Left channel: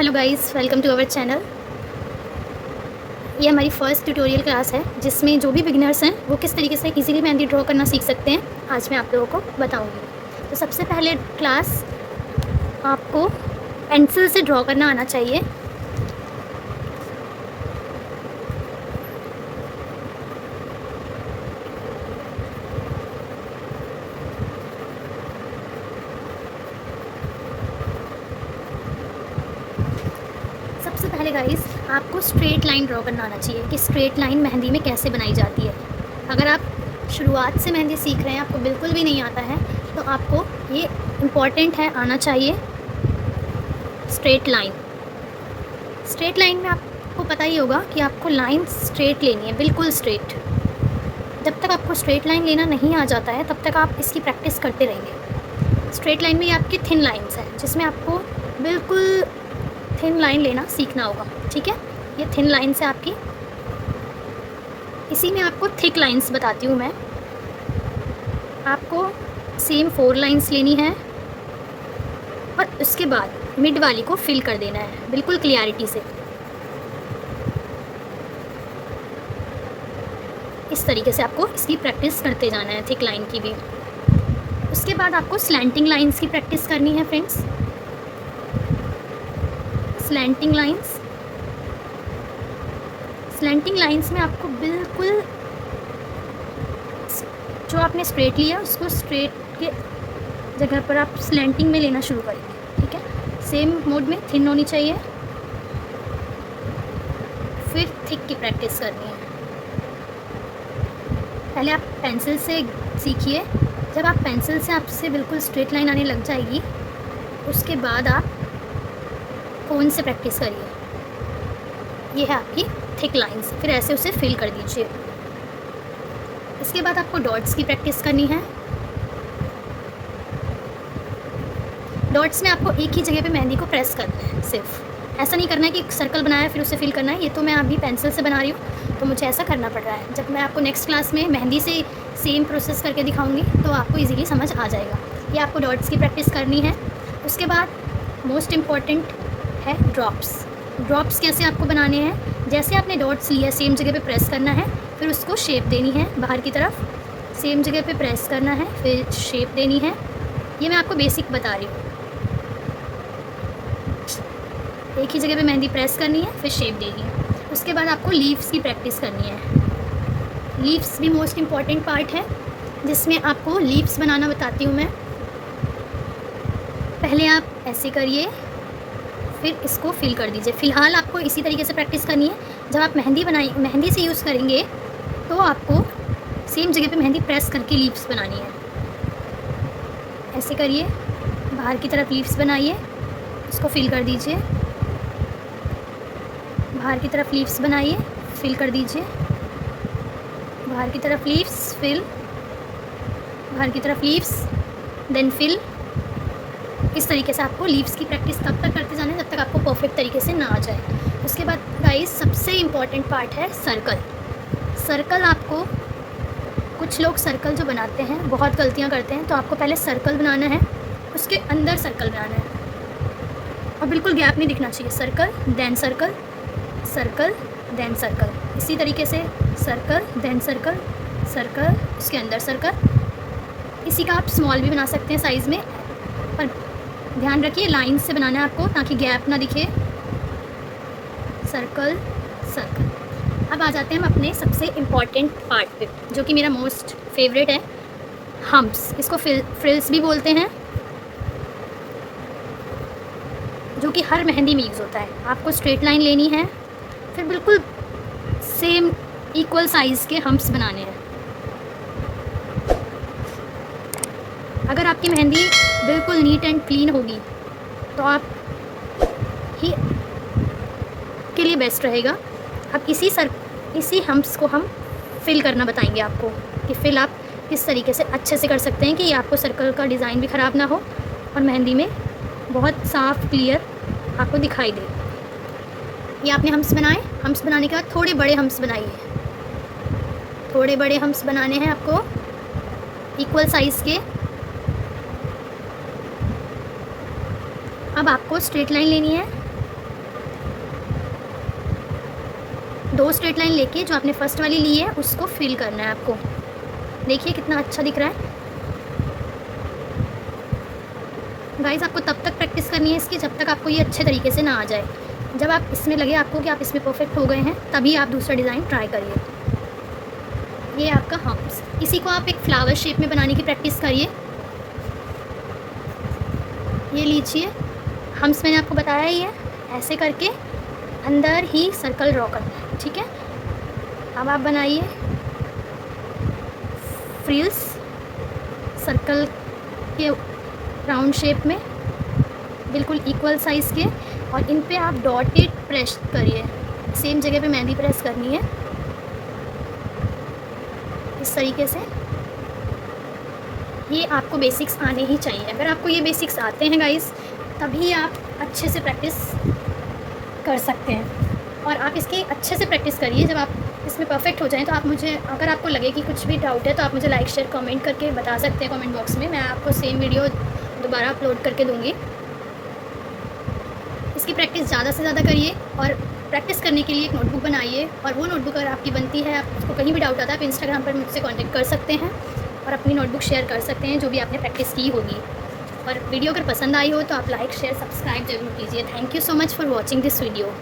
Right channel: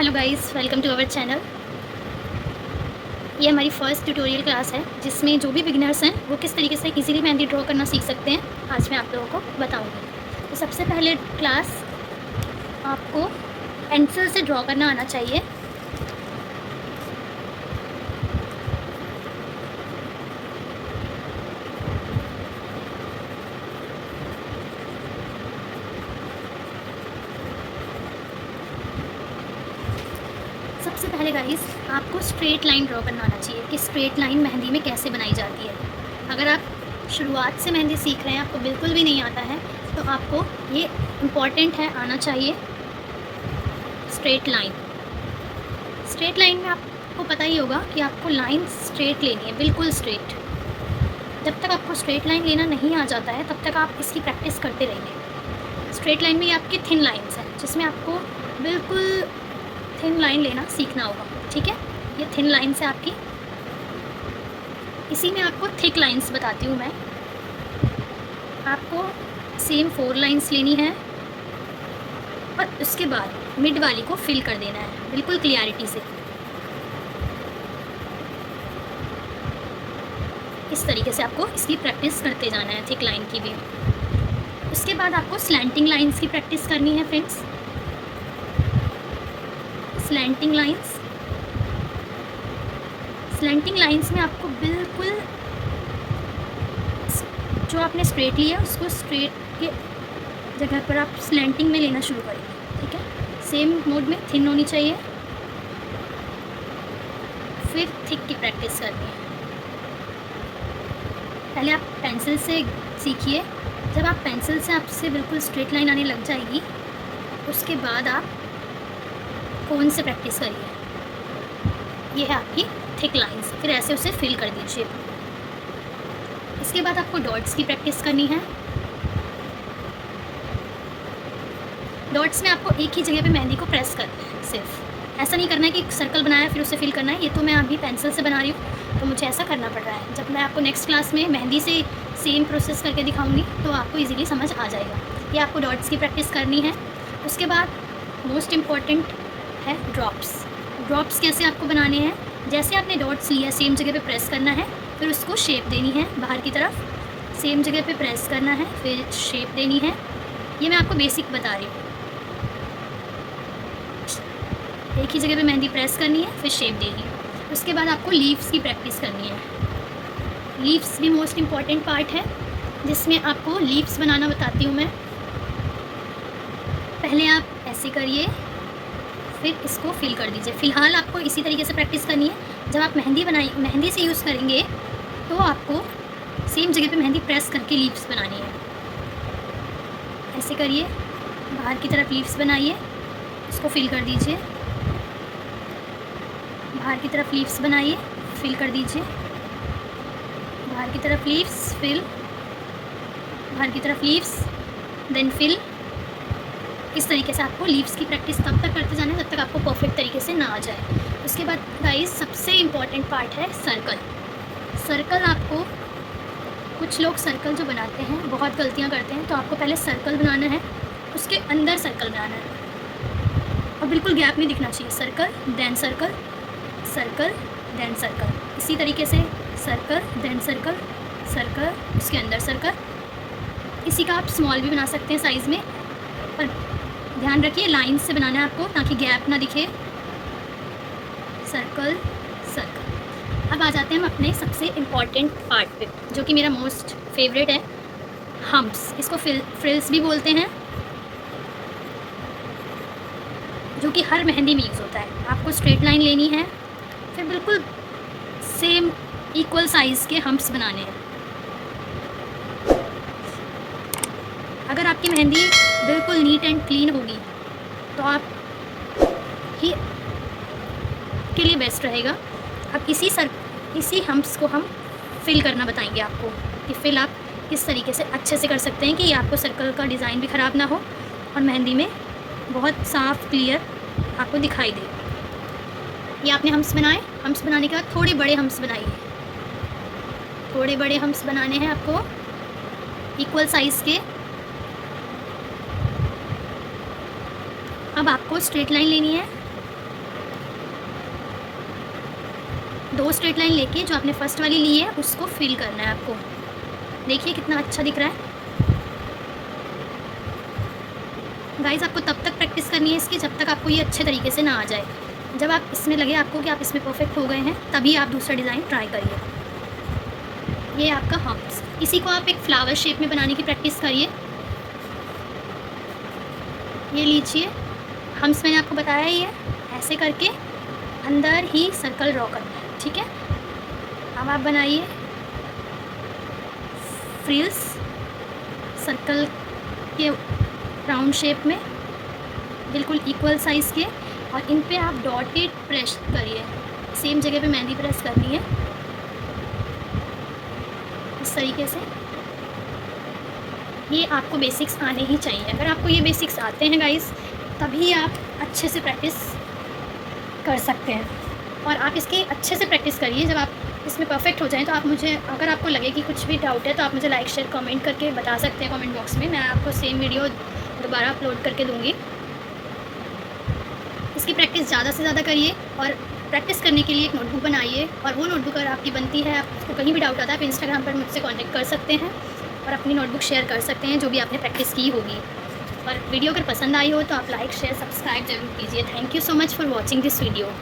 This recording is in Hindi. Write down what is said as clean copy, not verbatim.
Hello guys, welcome to our channel. ये हमारी फर्स्ट ट्यूटोरियल क्लास है जिसमें जो भी बिगिनर्स हैं वो किस तरीके से इजीली मेहंदी ड्रॉ करना सीख सकते हैं, आज मैं आप लोगों को बताऊंगी। तो सबसे पहले क्लास आपको पेंसिल से ड्रॉ करना आना चाहिए। सबसे पहले गाइस आपको स्ट्रेट लाइन ड्रॉ करना आना चाहिए कि स्ट्रेट लाइन मेहंदी में कैसे बनाई जाती है। अगर आप शुरुआत से मेहंदी सीख रहे हैं, आपको बिल्कुल भी नहीं आता है, तो आपको ये इम्पॉर्टेंट है, आना चाहिए स्ट्रेट लाइन। स्ट्रेट लाइन में आपको पता ही होगा कि आपको लाइन स्ट्रेट लेनी है, बिल्कुल स्ट्रेट। जब तक आपको स्ट्रेट लाइन लेना नहीं आ जाता है तब तक आप इसकी प्रैक्टिस करते रहेंगे। स्ट्रेट लाइन में ये आपकी थिन लाइन्स हैं जिसमें आपको बिल्कुल थिन लाइन लेना सीखना होगा, ठीक है। ये थिन लाइन्स है आपकी। इसी में आपको थिक लाइन्स बताती हूँ मैं। आपको सेम 4 लाइन्स लेनी है और उसके बाद मिड वाली को फिल कर देना है बिल्कुल क्लियरिटी से। इस तरीके से आपको इसकी प्रैक्टिस करते जाना है, थिक लाइन की भी। उसके बाद आपको स्लैंटिंग लाइन्स की प्रैक्टिस करनी है फ्रेंड्स। स्लैंटिंग लाइन्स में आपको बिल्कुल जो आपने स्ट्रेट लिया उसको स्ट्रेट के जगह पर आप स्लैंटिंग में लेना शुरू करेंगे, ठीक है। सेम मोड में थिन होनी चाहिए, फिर थिक की प्रैक्टिस करनी है। पहले आप पेंसिल से सीखिए। जब आप पेंसिल से आपसे बिल्कुल स्ट्रेट लाइन आने लग जाएगी, उसके बाद आप फ़ोन से प्रैक्टिस करिए। ये है आपकी थिक लाइन्स, फिर ऐसे उसे फिल कर दीजिए। इसके बाद आपको डॉट्स की प्रैक्टिस करनी है। डॉट्स में आपको एक ही जगह पे मेहंदी को प्रेस करना है, सिर्फ ऐसा नहीं करना है कि सर्कल बनाया फिर उसे फिल करना है। ये तो मैं अभी पेंसिल से बना रही हूँ तो मुझे ऐसा करना पड़ रहा है। जब मैं आपको नेक्स्ट क्लास में मेहंदी से सेम प्रोसेस करके दिखाऊंगी तो आपको इजीली समझ आ जाएगा। ये आपको डॉट्स की प्रैक्टिस करनी है। उसके बाद मोस्ट इम्पॉर्टेंट है ड्रॉप्स। ड्रॉप्स कैसे आपको बनाने हैं, जैसे आपने डॉट्स लिया सेम जगह पे प्रेस करना है, फिर उसको शेप देनी है बाहर की तरफ। सेम जगह पे प्रेस करना है, फिर शेप देनी है। ये मैं आपको बेसिक बता रही हूँ। एक ही जगह पे मेहंदी प्रेस करनी है, फिर शेप देनी है। उसके बाद आपको लीव्स की प्रैक्टिस करनी है। लीव्स भी मोस्ट इम्पॉर्टेंट पार्ट है जिसमें आपको लीव्स बनाना बताती हूँ मैं। पहले आप ऐसे करिए, फिर इसको फिल कर दीजिए। फ़िलहाल आपको इसी तरीके से प्रैक्टिस करनी है। जब आप मेहंदी से यूज़ करेंगे तो आपको सेम जगह पे मेहंदी प्रेस करके लीव्स बनानी है। ऐसे करिए, बाहर की तरफ लीव्स बनाइए, इसको फिल कर दीजिए। बाहर की तरफ लीव्स बनाइए, फिल कर दीजिए। बाहर की तरफ लीव्स, फिल, बाहर की तरफ लीव्स, देन फिल। इस तरीके से आपको लीव्स की प्रैक्टिस तब तक करते जाना है जब तक आपको परफेक्ट तरीके से ना आ जाए। उसके बाद गाइस सबसे इम्पॉर्टेंट पार्ट है सर्कल। सर्कल आपको, कुछ लोग सर्कल जो बनाते हैं बहुत गलतियाँ करते हैं, तो आपको पहले सर्कल बनाना है, उसके अंदर सर्कल बनाना है और बिल्कुल गैप नहीं दिखना चाहिए। Circle then circle, circle then circle, इसी तरीके से सर्कल देन सर्कल, सर्कल उसके अंदर सर्कल। इसी का आप स्मॉल भी बना सकते हैं साइज़ में, पर ध्यान रखिए लाइन से बनाना है आपको ताकि गैप ना दिखे। Circle circle. अब आ जाते हैं हम अपने सबसे इम्पॉर्टेंट पार्ट पे जो कि मेरा मोस्ट फेवरेट है, हम्प्स। इसको फ्रिल्स भी बोलते हैं, जो कि हर मेहंदी में यूज़ होता है। आपको स्ट्रेट लाइन लेनी है, फिर बिल्कुल सेम इक्वल साइज़ के हम्प्स बनाने हैं। अगर आपकी मेहंदी बिल्कुल नीट एंड क्लीन होगी तो आप ही के लिए बेस्ट रहेगा। अब इसी हम्प्स को हम फिल करना बताएंगे आपको कि फिल आप किस तरीके से अच्छे से कर सकते हैं कि आपको सर्कल का डिज़ाइन भी ख़राब ना हो और मेहंदी में बहुत साफ क्लियर आपको दिखाई दे। ये आपने हम्प्स बनाए, हम्प्स बनाने के बाद थोड़े बड़े हम्प्स बनाइए। थोड़े बड़े हम्प्स बनाने हैं आपको इक्वल साइज़ के। अब आपको स्ट्रेट लाइन लेनी है, 2 स्ट्रेट लाइन लेके जो आपने फर्स्ट वाली ली है उसको फिल करना है आपको। देखिए कितना अच्छा दिख रहा है। गाइस आपको तब तक प्रैक्टिस करनी है इसकी जब तक आपको ये अच्छे तरीके से ना आ जाए। जब आप इसमें लगे आपको कि आप इसमें परफेक्ट हो गए हैं तभी आप दूसरा डिज़ाइन ट्राई करिए। ये आपका हम्प्स, इसी को आप एक फ्लावर शेप में बनाने की प्रैक्टिस करिए। ये लीजिए हम्प्स मैंने आपको बताया ही है, ऐसे करके अंदर ही सर्कल ड्रॉ करना है, ठीक है। अब आप बनाइए फ्रिल्स सर्कल के राउंड शेप में, बिल्कुल इक्वल साइज़ के, और इन पे आप डॉटेड प्रेस करिए। सेम जगह पे मेहंदी प्रेस करनी है इस तरीके से। ये आपको बेसिक्स आने ही चाहिए। अगर आपको ये बेसिक्स आते हैं गाइस तभी आप अच्छे से प्रैक्टिस कर सकते हैं। और आप इसकी अच्छे से प्रैक्टिस करिए। जब आप इसमें परफेक्ट हो जाएं तो आप मुझे, अगर आपको लगे कि कुछ भी डाउट है तो आप मुझे लाइक शेयर कमेंट करके बता सकते हैं कमेंट बॉक्स में। मैं आपको सेम वीडियो दोबारा अपलोड करके दूँगी। इसकी प्रैक्टिस ज़्यादा से ज़्यादा करिए और प्रैक्टिस करने के लिए एक नोटबुक बनाइए। और वो नोटबुक अगर आपकी बनती है, आपको कहीं भी डाउट आता है, आप इंस्टाग्राम पर मुझसे कॉन्टैक्ट कर सकते हैं और अपनी नोटबुक शेयर कर सकते हैं जो भी आपने प्रैक्टिस की होगी। और वीडियो अगर पसंद आई हो तो आप लाइक शेयर सब्सक्राइब जरूर कीजिए। Thank you so much for watching this video.